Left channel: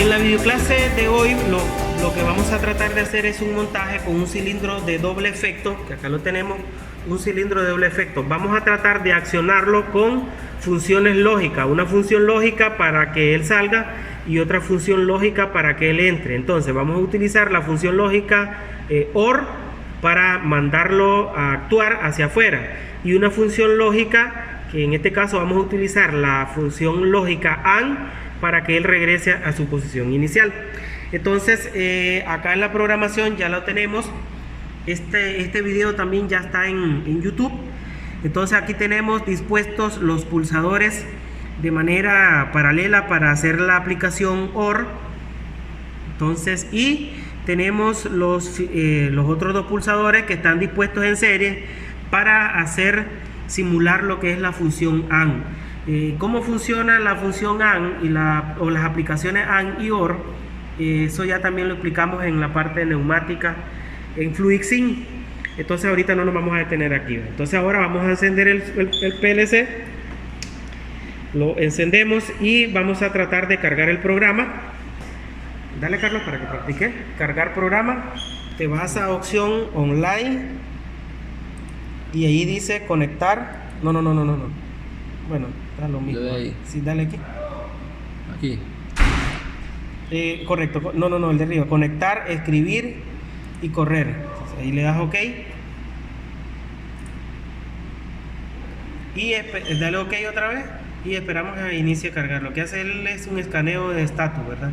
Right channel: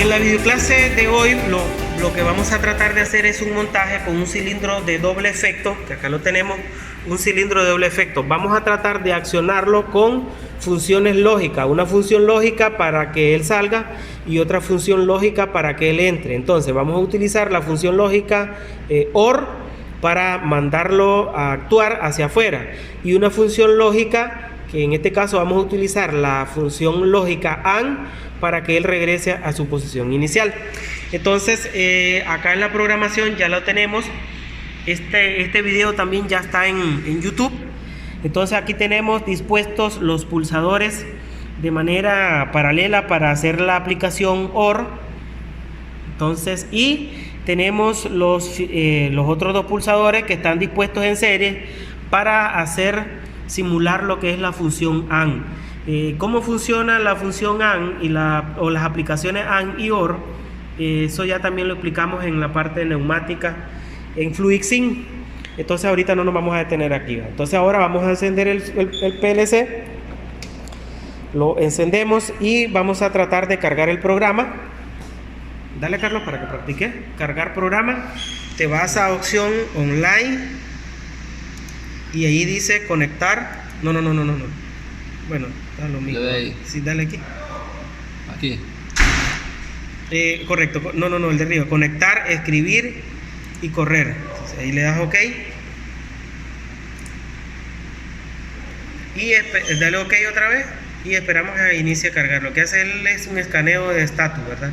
En la videoclase de hoy lo que vamos a tratar de hacer es un montaje con un cilindro de doble efecto, que acá lo tenemos, un cilindro de doble efecto. Vamos a tratar de accionarlo con funciones lógicas, una función lógica para que él salga y otra función lógica para que él entre. Entonces vamos a utilizar la función lógica OR para mandarlo a actuar hacia afuera, y una función lógica que en este caso vamos a utilizar la función lógica AND para que él regrese a su posición inicial. Entonces acá en la programación ya lo tenemos. Este video también ya está en YouTube. Entonces aquí tenemos dispuestos los pulsadores de manera paralela para hacer la aplicación OR. Entonces, y tenemos los otros dos pulsadores que están dispuestos en serie para simular lo que es la función AND. ¿Cómo funciona la función AND o las aplicaciones AND y OR? Eso ya también lo explicamos en la parte de neumática en FluidSync. Entonces ahorita no nos vamos a detener aquí. Entonces ahora vamos a encender el PLC. Lo encendemos y vamos a tratar de cargar el programa. Dale, Carlos, para que practique. Cargar programa. Te vas a opción online y ahí dice conectar. No. Bueno, está lo mismo. Sí, dale aquí. Aquí. Correcto. No, el de arriba. Conectar, escribir y correr. Entonces, ahí le das OK. Y dale OK otra vez. Y esperamos a que inicie a cargar. Lo que hace él es un escaneo de estatus, ¿verdad?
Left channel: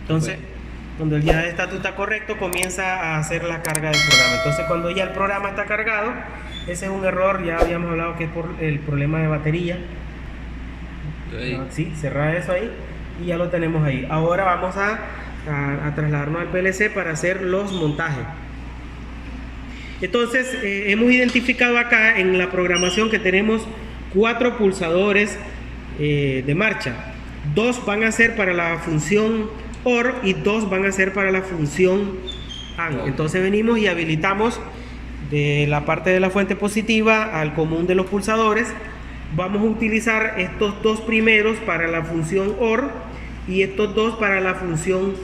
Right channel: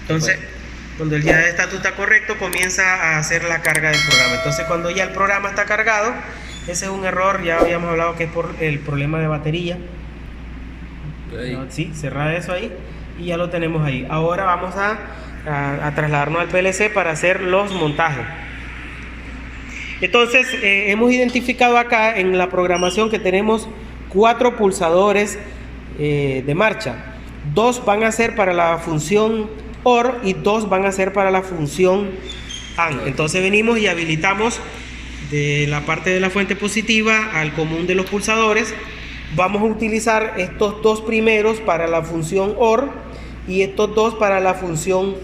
Entonces, cuando el ya de estatus está correcto, comienza a hacer la carga del programa. Entonces, cuando ya el programa está cargado, ese es un error, ya habíamos hablado que es por el problema de batería. Sí, cerrar eso ahí y ya lo tenemos ahí. Ahora vamos a trasladarnos al PLC para hacer los montajes. Entonces, hemos identificado acá en la programación que tenemos 4 pulsadores de marcha. 2 van a ser para la función OR y 2 van a ser para la función AND. Entonces venimos y habilitamos de la parte de la fuente positiva al común de los pulsadores. Vamos a utilizar estos 2 primeros para la función OR y estos 2 para la función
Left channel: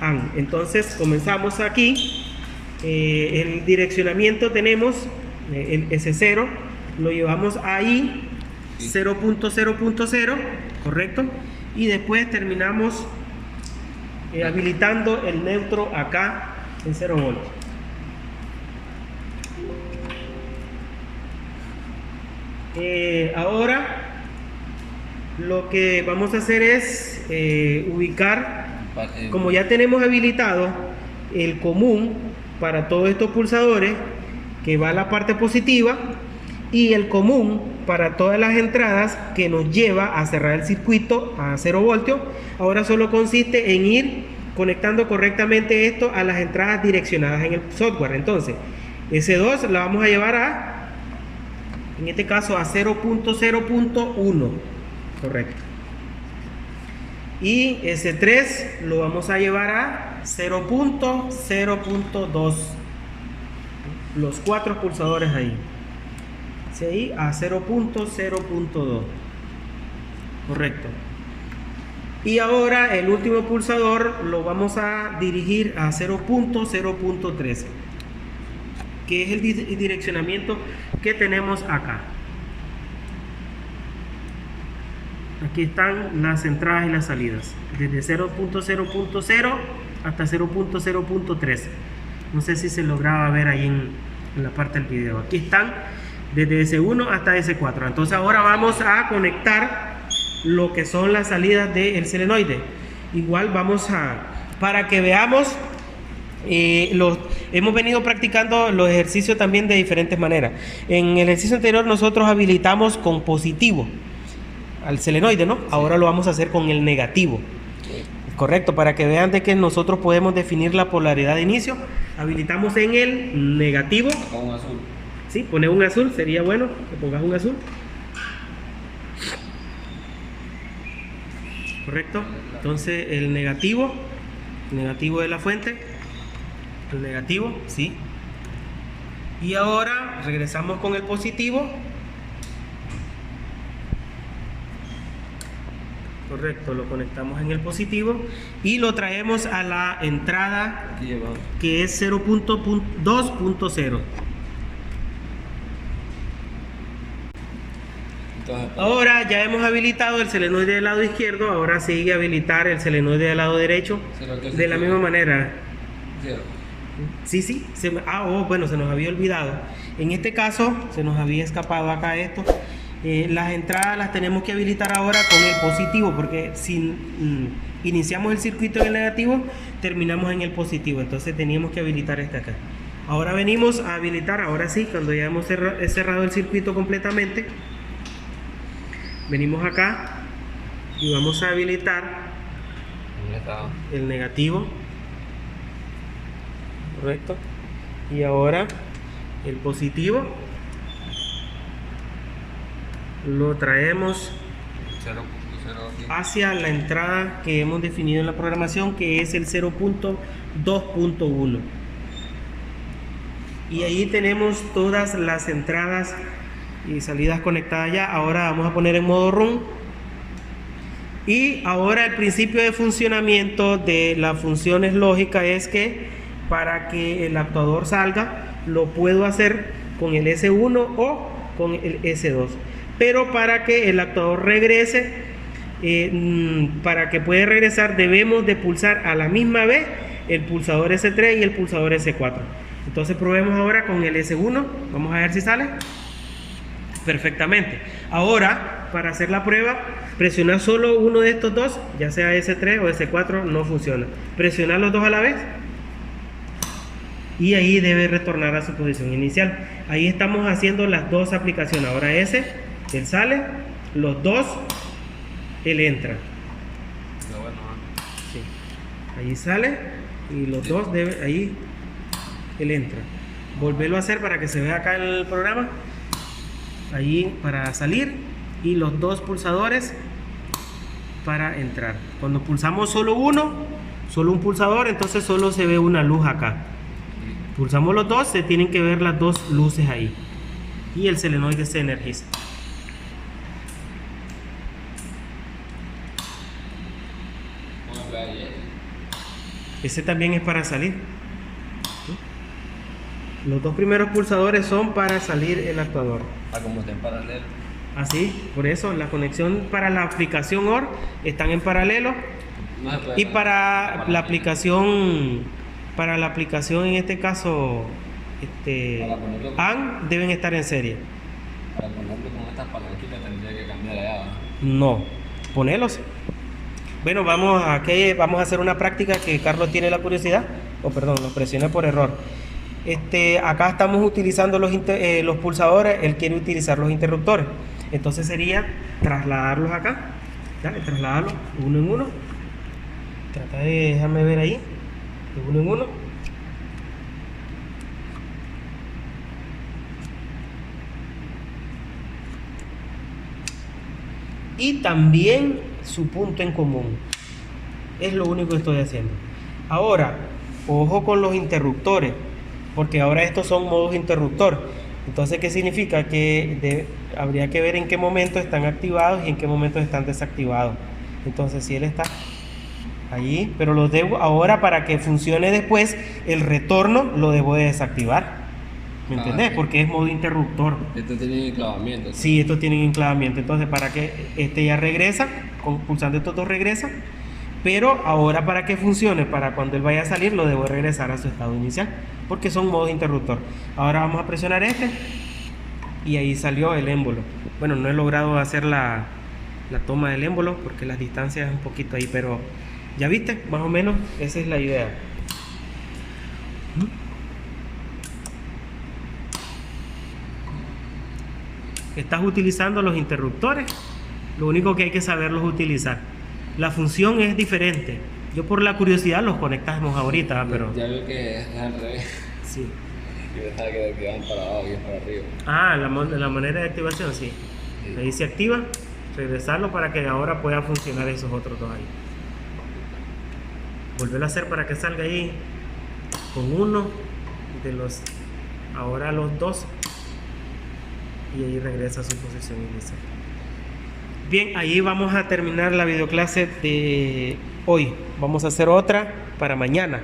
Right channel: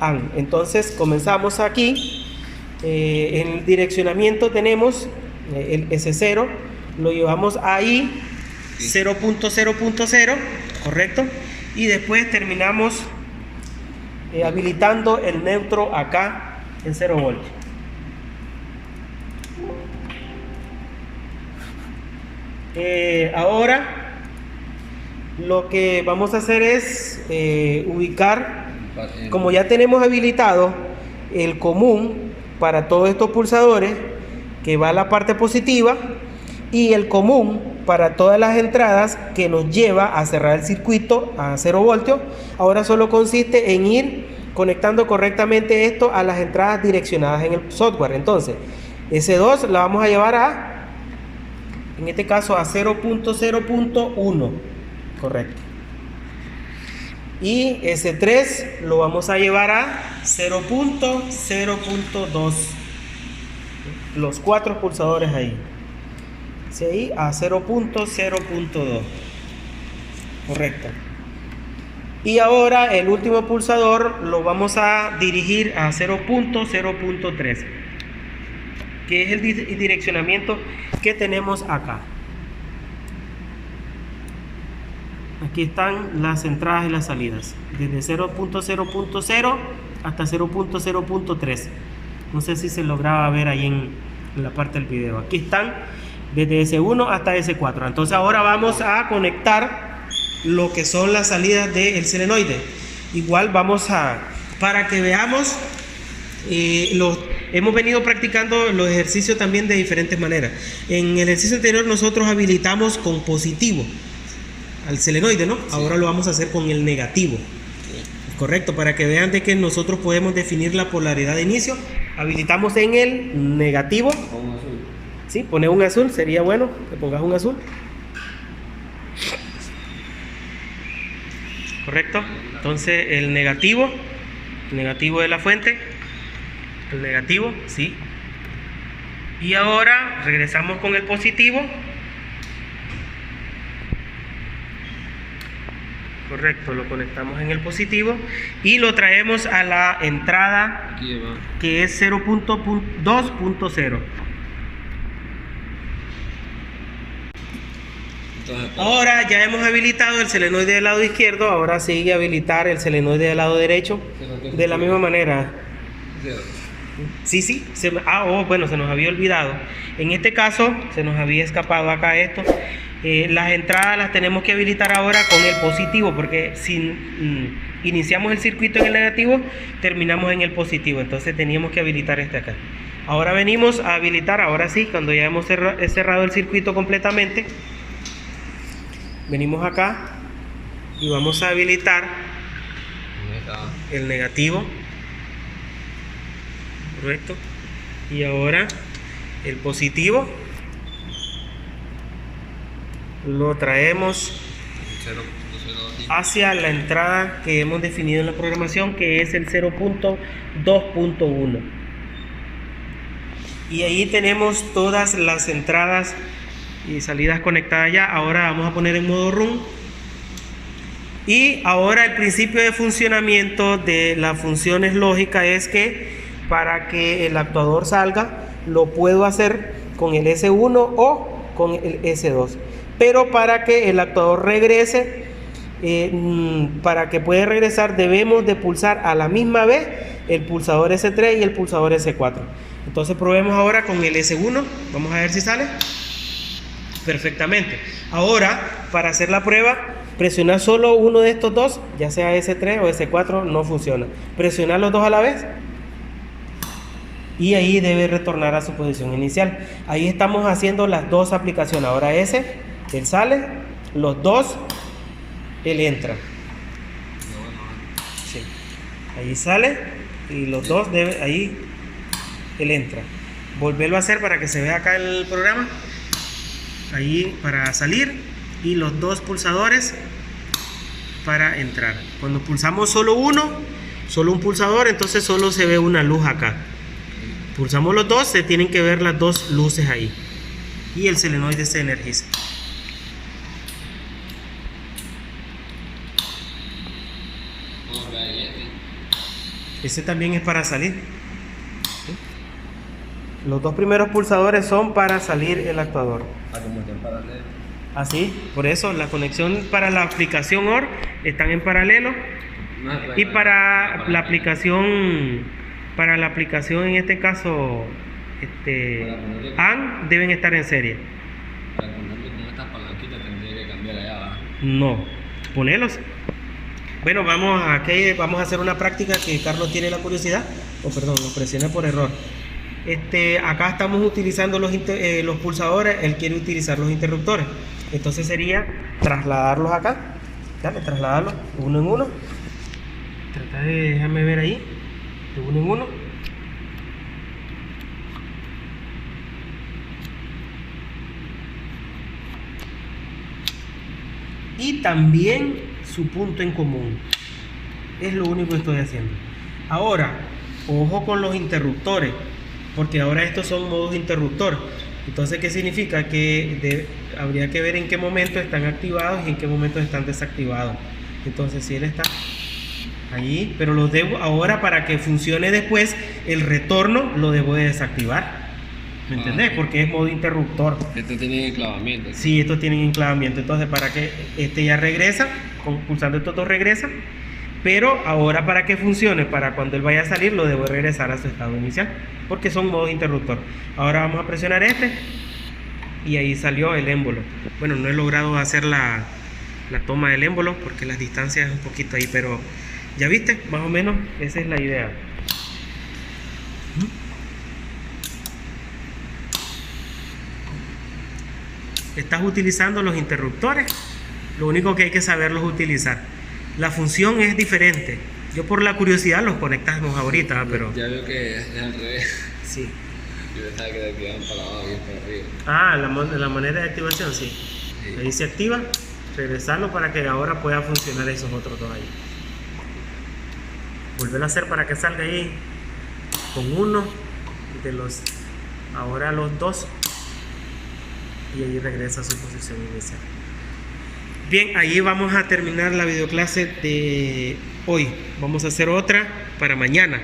AND. Entonces comenzamos aquí. El direccionamiento tenemos el S0, lo llevamos ahí 0.0.0, correcto, y después terminamos habilitando el neutro acá en 0 voltios. Ahora lo que vamos a hacer es ubicar, como ya tenemos habilitado el común para todos estos pulsadores, que va a la parte positiva, y el común para todas las entradas que nos lleva a cerrar el circuito a 0 voltios. Ahora solo consiste en ir conectando correctamente esto a las entradas direccionadas en el software. Entonces S2 la vamos a llevar en este caso a 0.0.1, correcto, y S3 lo vamos a llevar a 0.0.2, los 4 pulsadores ahí. ¿Sí? A 0.0.2, correcto. Y ahora el último pulsador lo vamos a dirigir a 0.0.3, que es el direccionamiento que tenemos acá. Aquí están las entradas y las salidas, desde 0.0.0 hasta 0.0.3. no sé si se lograba ver ahí en la parte del video. Aquí están desde S1 hasta S4. Entonces ahora vamos a conectar lo que son las salidas del solenoide. Igual vamos para que veamos, hemos venido practicando los ejercicios también de diferentes maneras. En el ejercicio anterior nosotros habilitamos con positivo al solenoide, ¿no? Sí. Ahora lo vamos a hacer con el negativo. Sí. Correcto, para que vean de que nosotros podemos definir la polaridad de inicio. Habilitamos en el negativo. Con un azul. Sí, poner un azul, sería bueno que pongas un azul. Correcto. Entonces el negativo de la fuente, el negativo, sí. Y ahora regresamos con el positivo. Correcto, lo conectamos en el positivo y lo traemos a la entrada que es 0.2.0. Ahora ya hemos habilitado el selenoide del lado izquierdo, ahora sigue habilitar el selenoide del lado derecho de la misma manera. Sí, bueno, se nos había olvidado. En este caso, se nos había escapado acá esto. Las entradas las tenemos que habilitar ahora con el positivo, porque si iniciamos el circuito en el negativo, terminamos en el positivo. Entonces teníamos que habilitar este acá. Ahora venimos a habilitar, ahora sí, cuando ya hemos cerrado el circuito completamente, venimos acá y vamos a habilitar el negativo. Correcto. Y ahora el positivo lo traemos hacia la entrada que hemos definido en la programación, que es el 0.2.1. y ahí tenemos todas las entradas y salidas conectadas ya. Ahora vamos a poner en modo run. Y ahora el principio de funcionamiento de las funciones lógicas es que para que el actuador salga, lo puedo hacer con el S1 o con el S2. Pero para que el actuador regrese, para que pueda regresar, debemos de pulsar a la misma vez el pulsador S3 y el pulsador S4. Entonces probemos ahora con el S1. Vamos a ver si sale perfectamente. Ahora, para hacer la prueba, presionar solo uno de estos dos, ya sea S3 o S4, no funciona. Presionar los dos a la vez y ahí debe retornar a su posición inicial. Ahí estamos haciendo las dos aplicaciones. Ahora él sale, los dos, él entra. Sí. Ahí sale y los dos ahí él entra. Volverlo a hacer para que se vea acá en el programa. Ahí para salir y los dos pulsadores para entrar. Cuando pulsamos solo uno, solo un pulsador, entonces solo se ve una luz acá. Pulsamos los dos, se tienen que ver las dos luces ahí y el selenoide se energiza. Ese también es para salir. Los dos primeros pulsadores son para salir el actuador. Así, por eso la conexión para la aplicación OR están en paralelo y para la aplicación en este caso AND deben estar en serie. Para ponerlo con estas palanquitas tendría que cambiar allá, ¿verdad? No, ponelos. Bueno, vamos a hacer una práctica que Carlos tiene la curiosidad. Lo presioné por error. Acá estamos utilizando los pulsadores, él quiere utilizar los interruptores. Entonces sería trasladarlos acá. Dale, trasladarlos de uno en uno. Tratar de, déjame ver ahí, de uno en uno. Y también su punto en común. Es lo único que estoy haciendo. Ahora, ojo con los interruptores, porque ahora estos son modos interruptor. Entonces, ¿qué significa? Que habría que ver en qué momento están activados y en qué momento están desactivados. Entonces, si él está ahí, pero los debo ahora, para que funcione después el retorno, lo debo de desactivar. ¿Me entendés? Porque es modo interruptor. Esto tiene enclavamiento. Sí, estos tienen enclavamiento. Entonces, para que ya regresa, pulsando estos dos regresa. Pero ahora, para que funcione, para cuando él vaya a salir, lo debo regresar a su estado inicial, porque son modos interruptor. Ahora vamos a presionar y ahí salió el émbolo. Bueno, no he logrado hacer la toma del émbolo porque las distancias un poquito ahí, pero ya viste, más o menos esa es la idea. Estás utilizando los interruptores, lo único que hay que saberlos utilizar. La función es diferente. Yo por la curiosidad los conectamos ahorita, pero... Ya veo que es al revés. Sí. Yo pensaba que activaban para abajo y para arriba. Ah, la manera de activación, sí. Ahí se activa, regresarlo para que ahora pueda funcionar esos otros dos ahí. Volverlo a hacer para que salga ahí con uno de los... Ahora los dos. Y ahí regresa a su posición inicial. Bien, ahí vamos a terminar la videoclase de hoy. Vamos a hacer otra para mañana.